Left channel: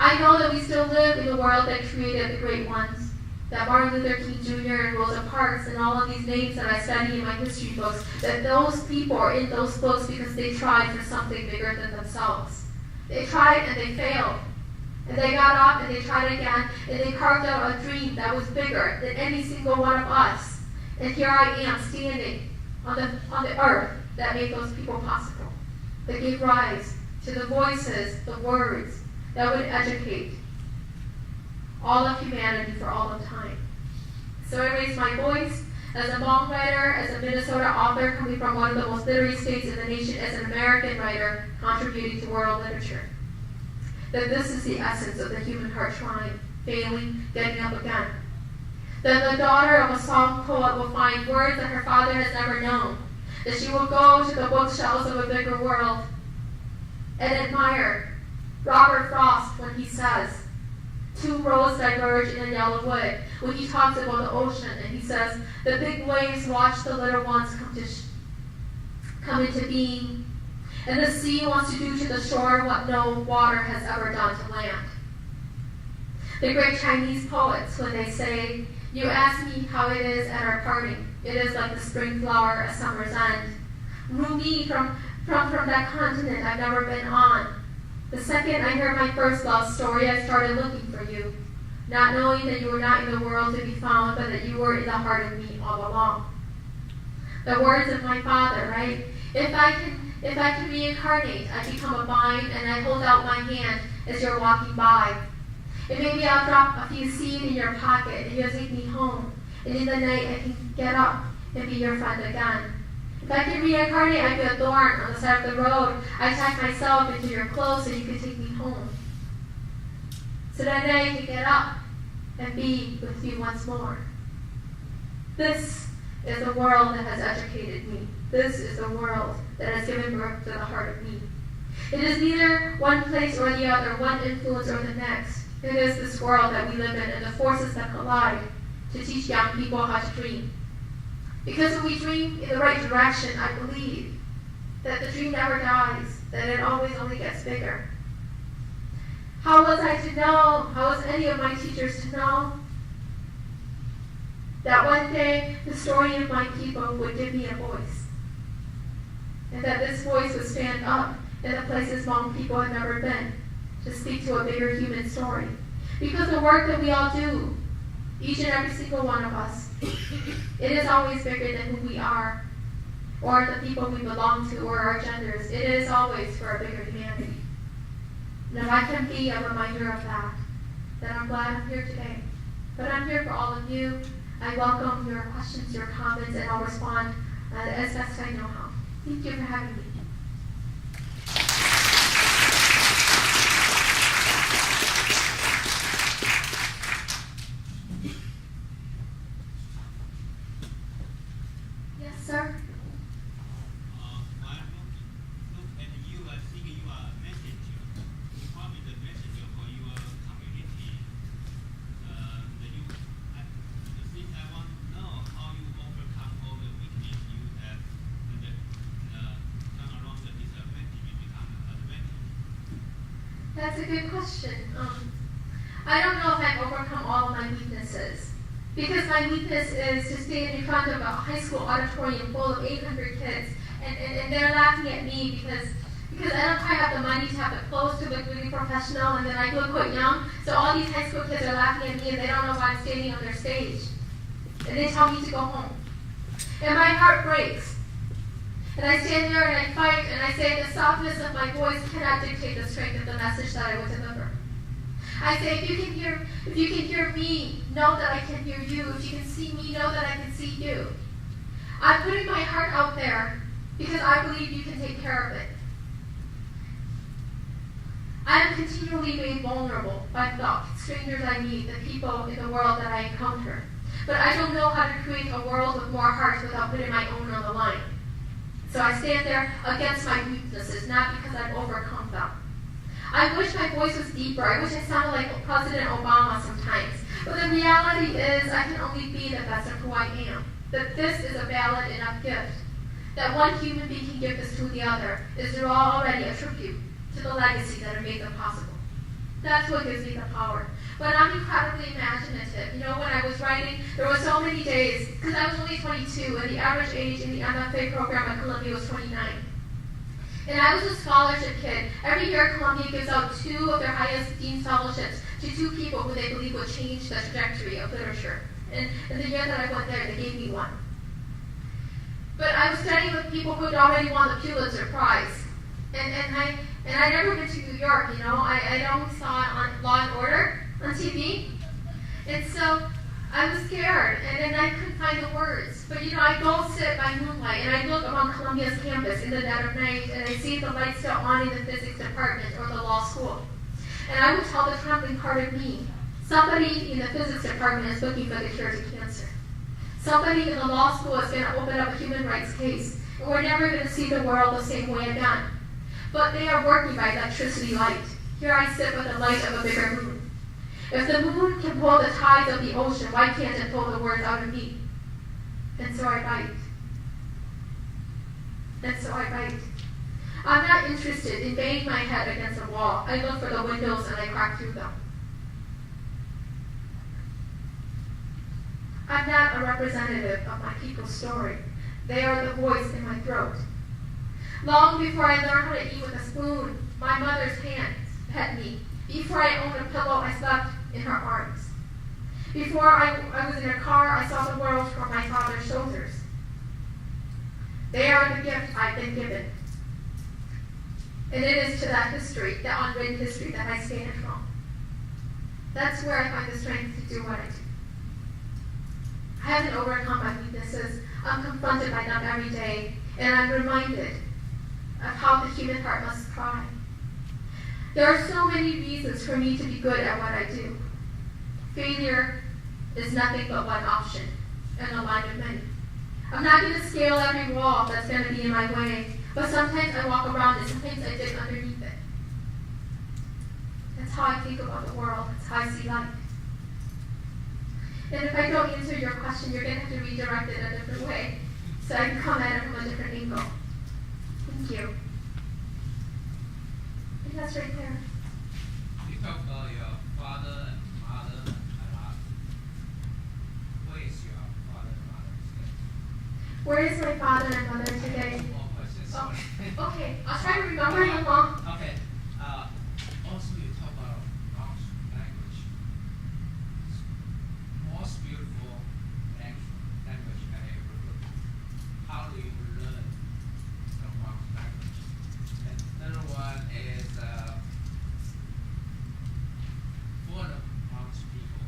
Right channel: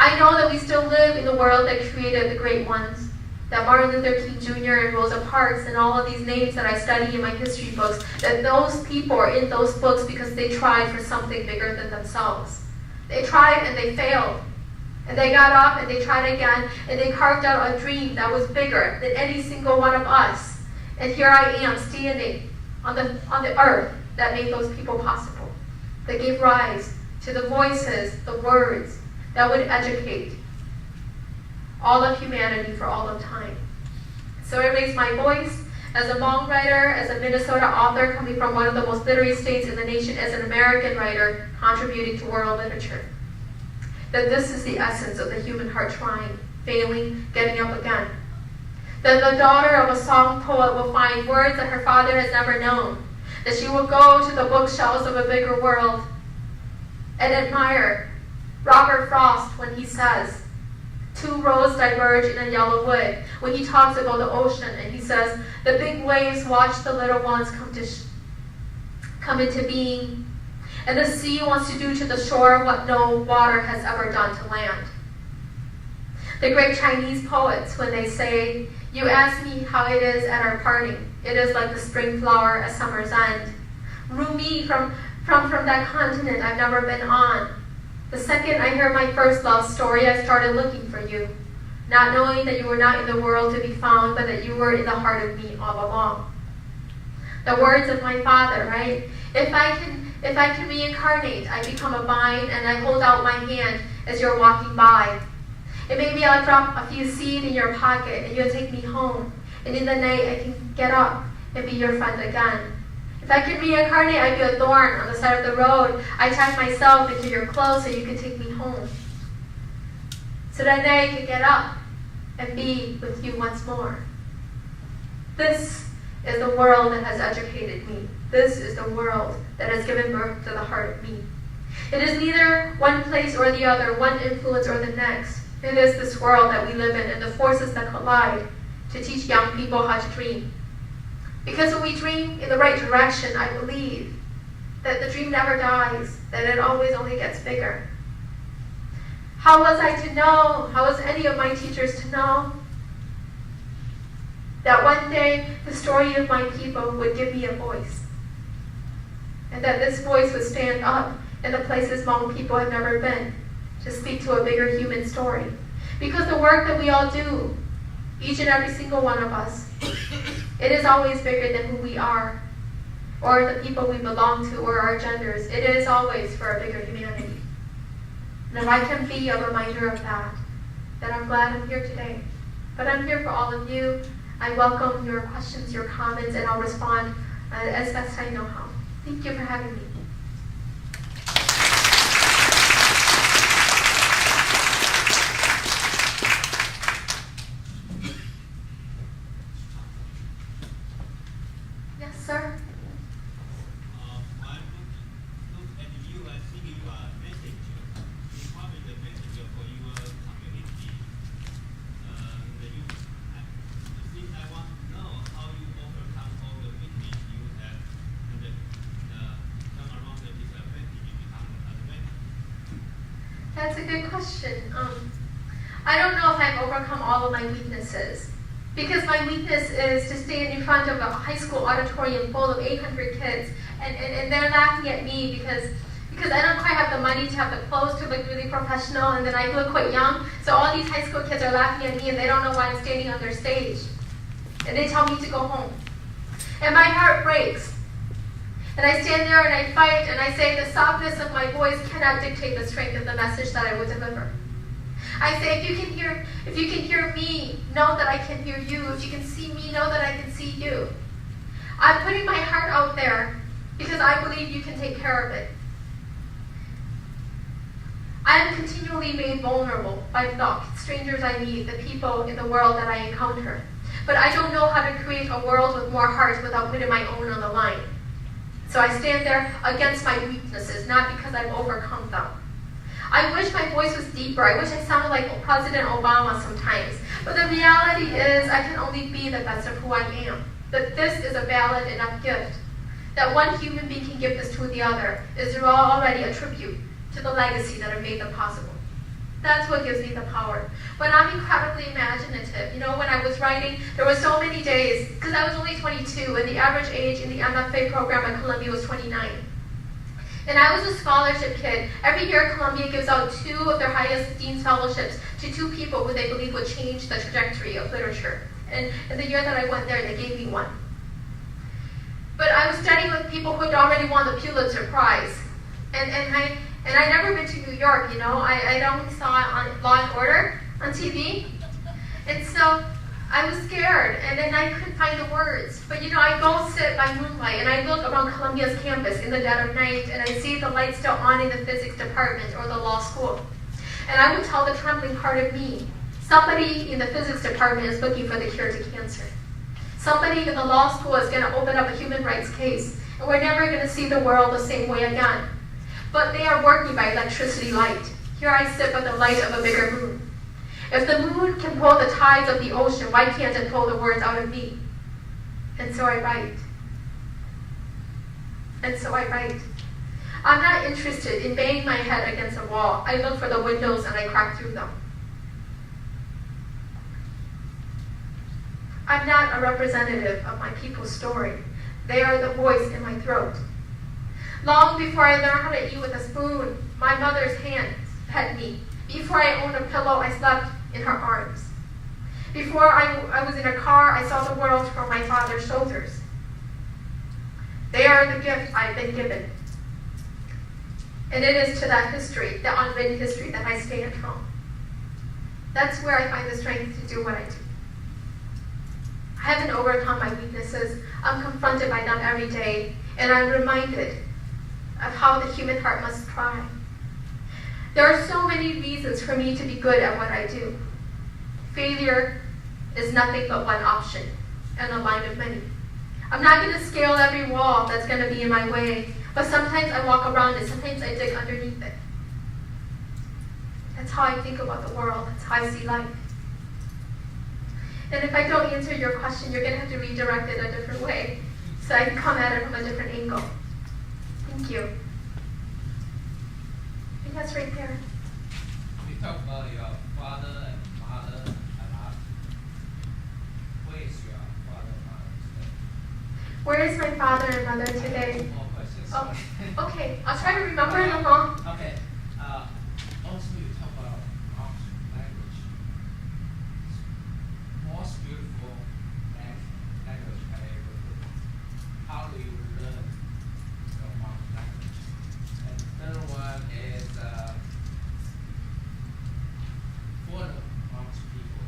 I know that we still live in the world that created the great ones, that Martin Luther King Jr. and Rosa Parks and all of these names that I study in my history books, that those people are in those books because they tried for something bigger than themselves. They tried and they failed. And they got up and they tried again and they carved out a dream that was bigger than any single one of us. And here I am standing on the earth that made those people possible, that gave rise to the voices, the words that would educate all of humanity for all of time. So I raised my voice as a Hmong writer, as a Minnesota author coming from one of the most literate states in the nation, as an American writer contributing to world literature. That this is the essence of the human heart, trying, failing, getting up again. That the daughter of a song poet will find words that her father has never known. That she will go to the bookshelves of a bigger world and admire Robert Frost when he says, two roads diverge in a yellow wood, when he talks about the ocean and he says, the big waves watch the little ones come into being, and the sea wants to do to the shore what no water has ever done to land. The great Chinese poets, when they say, you ask me how it is at our parting, it is like the spring flower at summer's end. Rumi from that continent I've never been on. The second I heard my first love story, I started looking for you, not knowing that you were not in the world to be found, but that you were in the heart of me all along. The words of my father, right? If I can reincarnate, I become a vine and I hold out my hand as you're walking by. And maybe I'll drop a few seeds in your pocket and you'll take me home. And in the night I can get up and be your friend again. If I can reincarnate, I'd be a thorn on the side of the road. I tie myself into your clothes so you can take me home. So that I can get up and be with you once more. This is the world that has educated me. This is the world that has given birth to the heart of me. It is neither one place or the other, one influence or the next. It is this world that we live in and the forces that collide to teach young people how to dream. Because when we dream in the right direction, I believe that the dream never dies, that it always only gets bigger. How was I to know, how was any of my teachers to know that one day the story of my people would give me a voice? And that this voice would stand up in the places Hmong people have never been to speak to a bigger human story. Because the work that we all do, each and every single one of us, it is always bigger than who we are, or the people we belong to, or our genders. It is always for a bigger humanity. And if I can be a reminder of that, then I'm glad I'm here today. But I'm here for all of you. I welcome your questions, your comments, and I'll respond as best I know how. Thank you for having me. That's a good question. I don't know if I've overcome all of my weaknesses, because my weakness is to stand in front of a high school auditorium full of 800 kids, and they're laughing at me because I don't quite have the money to have the clothes to look really professional, and then I look quite young, so all these high school kids are laughing at me and they don't know why I'm standing on their stage. And they tell me to go home. And my heart breaks. And I stand there and I fight and I say the softness of my voice cannot dictate the strength of the message that I would deliver. I say if you can hear me, know that I can hear you. If you can see me, know that I can see you. I'm putting my heart out there because I believe you can take care of it. I am continually made vulnerable by the strangers I meet, the people in the world that I encounter. But I don't know how to create a world with more hearts without putting my own on the line. So I stand there against my weaknesses, not because I've overcome them. I wish my voice was deeper. I wish I sounded like President Obama sometimes. But the reality is I can only be the best of who I am. That this is a valid enough gift. That one human being can give this to the other is already a tribute to the legacy that have made them possible. That's what gives me the power. But I'm incredibly imaginative. You know, when I was writing, there were so many days, because I was only 22, and the average age in the MFA program at Columbia was 29. And I was a scholarship kid. Every year, Columbia gives out 2 of their highest Dean's Fellowships to 2 people who they believe would change the trajectory of literature. And in the year that I went there, they gave me one. But I was studying with people who had already won the Pulitzer Prize. And I'd never been to New York, you know. I'd only saw it on Law and Order on TV. And so I was scared, and then I couldn't find the words. But you know, I go sit by moonlight, and I look around Columbia's campus in the dead of night, and I see the lights still on in the physics department or the law school. And I would tell the trembling part of me, somebody in the physics department is looking for the cure to cancer. Somebody in the law school is going to open up a human rights case, and we're never going to see the world the same way again. But they are working by electricity light. Here I sit by the light of a bigger moon. If the moon can pull the tides of the ocean, why can't it pull the words out of me? And so I write. And so I write. I'm not interested in banging my head against a wall. I look for the windows and I crack through them. I'm not a representative of my people's story. They are the voice in my throat. Long before I learned how to eat with a spoon, my mother's hands fed me. Before I owned a pillow, I slept in her arms. Before I was in a car, I saw the world from my father's shoulders. They are the gift I've been given. And it is to that history, the unwritten history, that I stand from. That's where I find the strength to do what I do. I haven't overcome my weaknesses. I'm confronted by them every day, and I'm reminded of how the human heart must cry. There are so many reasons for me to be good at what I do. Failure is nothing but one option, and a line of many. I'm not going to scale every wall that's going to be in my way, but sometimes I walk around it, sometimes I dig underneath it. That's how I think about the world, that's how I see life. And if I don't answer your question, you're going to have to redirect it a different way, so I can come at it from a different angle. Thank you. That's right there. You talk about your father and mother a lot. Where is your father and mother today? Where is my father and mother today? More questions. Oh, okay, I'll try to remember them all. Okay. Also, you talk about Hmong language. Most beautiful language I ever heard. How do you learn the Hmong language? And the third one is for the Hmong people,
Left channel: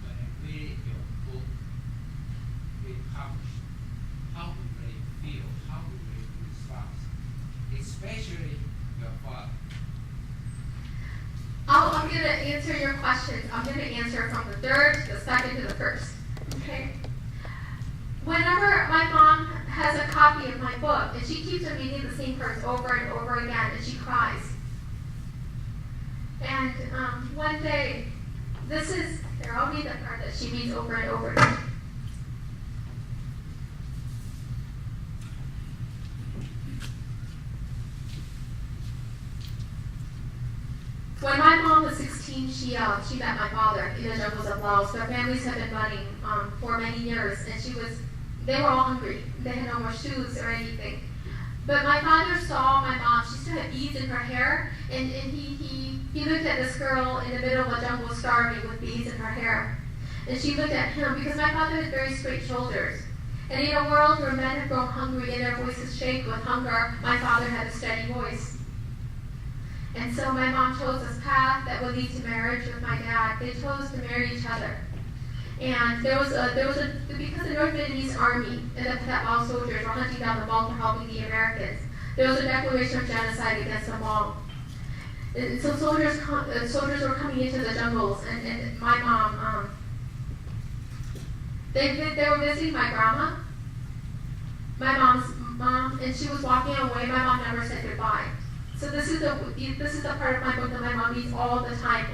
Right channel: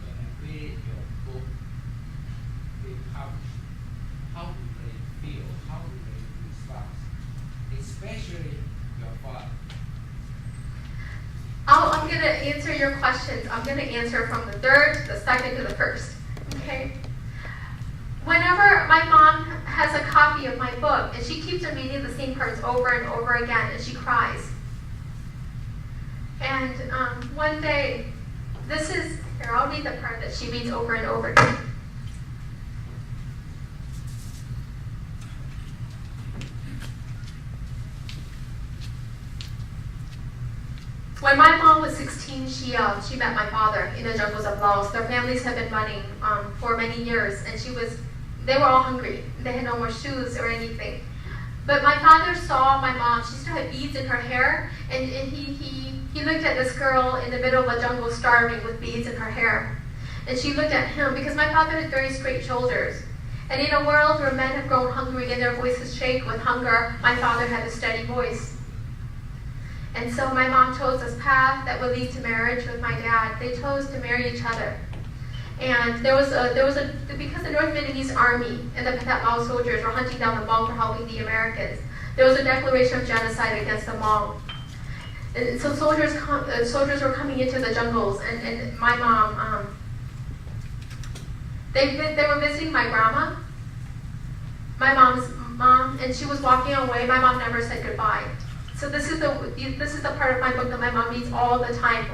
when they read your book, they publish, how do they feel? How do they respond? Especially your father. I'm going to answer your questions. I'm going to answer from the third, the second, to the first. Okay? Whenever my mom has a copy of my book, and she keeps on reading the same parts over and over again, and she cries. And one day, here, I'll read the part that she reads over and over again. When my mom was 16, she met my father in the jungles of Laos. Their families had been running for many years, and they were all hungry. They had no more shoes or anything. But my father saw my mom. She still had beads in her hair, and he looked at this girl in the middle of the jungle starving with beads in her hair. And she looked at him because my father had very straight shoulders. And in a world where men have grown hungry and their voices shake with hunger, my father had a steady voice. And so my mom chose this path that would lead to marriage with my dad. They chose to marry each other. And because the North Vietnamese Army and the Pathet Lao soldiers were hunting down the Hmong for helping the Americans, there was a declaration of genocide against the Hmong. And so soldiers were coming into the jungles, and my mom, they were visiting my grandma, my mom's mom, and she was walking away. My mom never said goodbye. So this is the part of my book that my mom reads all the time,